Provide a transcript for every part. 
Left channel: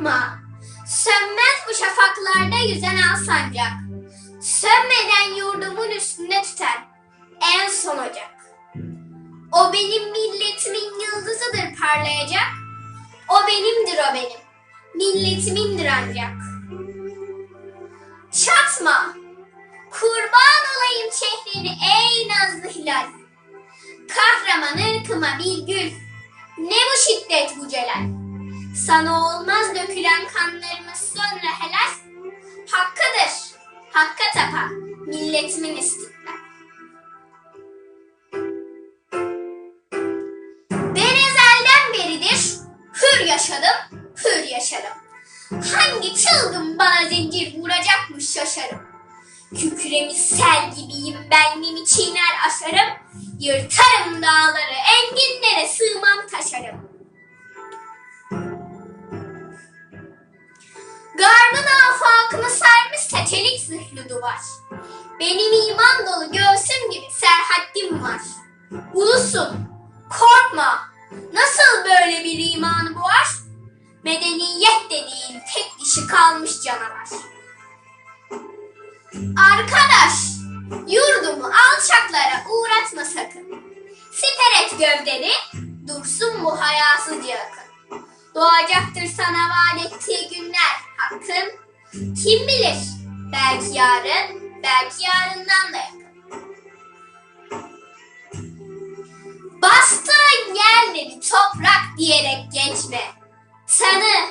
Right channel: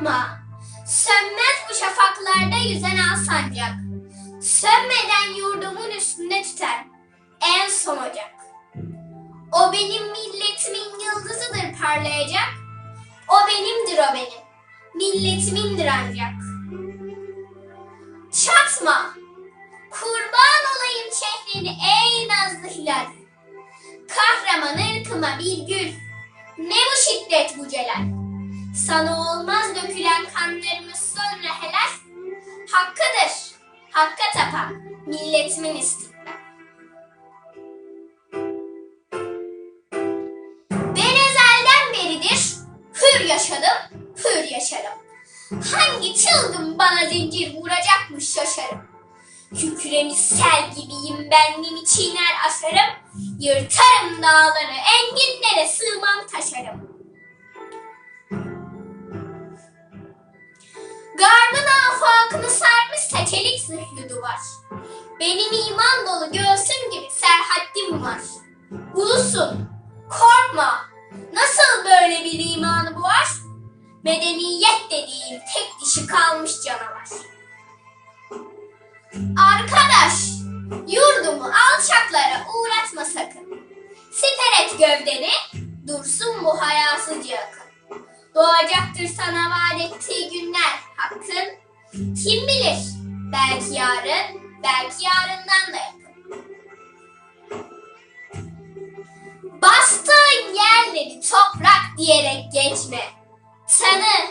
Korkma, sönmez bu şafaklarda yüzen al. Sönmeden yurdumun üstünde tüter en son ocak. O benim milletimin yıldızıdır parlayacak. O benimdir o benim, milletimindir ancak. Çatma, kurban olayım şehrini ey nazlı hilal. Kahraman ırkıma bir gül, ne bu şiddet bu celal. Sana olmaz dökülen kanlarımız sonra helal. Hakkıdır, hakka tapan milletimin istiklal. Ben ezelden beridir hür yaşadım, hür yaşarım. Hangi çılgın bana zincir vuracakmış şaşarım. Kükremiş sel gibiyim benliğimi çiğner asarım. Yırtarım dağları, enginlere sığmam taşarım. Çelik zırhlı duvar. Benim iman dolu göğsüm gibi serhaddim var. Ulusun, korkma. Nasıl böyle bir imanı boğar? Medeniyet dediğin tek dişi kalmış canavar. Arkadaş, yurdumu alçaklara uğratma sakın. Siper et gövdeni, dursun bu hayasızca akın. Doğacaktır sana vaat ettiği günler hakkın. Kim bilir, belki yarın, belki yarından da yakın. Bastığın yerleri toprak diyerek geçme. Tanı,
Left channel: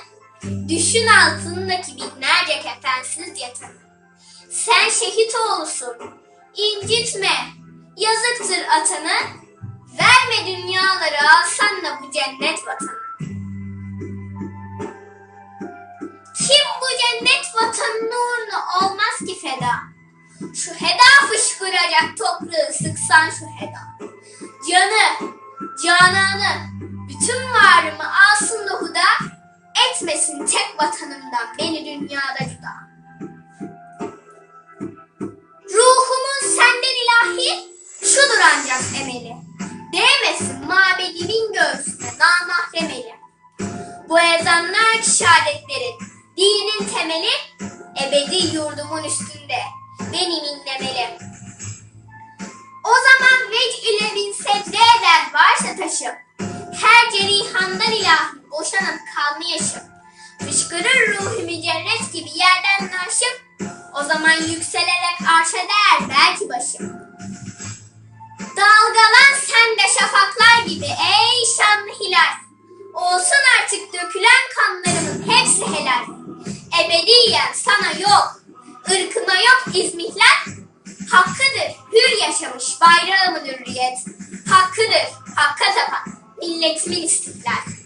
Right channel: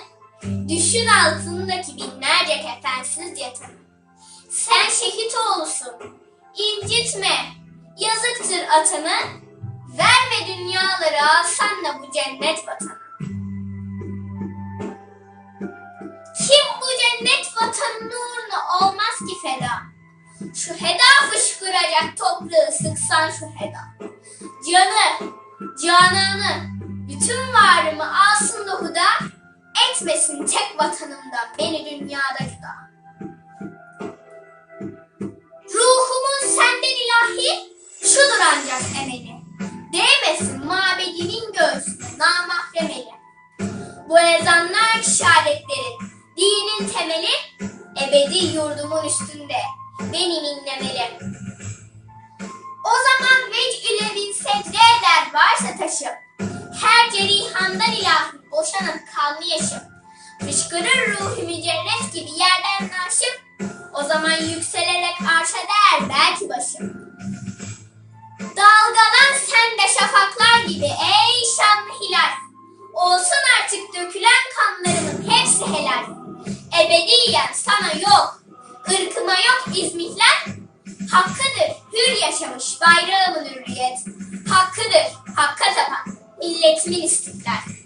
düşün altındaki binlerce kefensiz yatanı. Sen şehit oğlusun, incitme, yazıktır atanı. Verme dünyaları alsan da bu cennet vatanı. Kim bu cennet vatanının uğruna ki feda? Şu heda fışkıracak toprağı sıksan şu heda. Canı, cananı, bütün varımı alsın da huda, etmesin tek vatanımdan beni dünyada cüda. Ruhumun senden ilahi, şudur ancak emeli. Değmesin mabedimin göğsüne namahrem eli. Bu ezanlar ki şehadetlerin, dinin temeli, ebedi yurdumun üstünde benim inlemeli. O zaman vec ile bin secde eder varsa taşım, her cerihandan ilahi boşanıp kalmayışım. Fışkırır ruhu cennet gibi yerden naşım, o zaman yükselerek arşa değer belki başım. Dalgalan sen de şafaklar gibi ey şanlı hilal. Olsun artık dökülen kanlarımın hepsi helal. Ebediyen sana yok, ırkıma yok izmihler. Hakkıdır hür yaşamış bayrağımın hürriyet. Hakkıdır hakka tapan milletimin istiklal.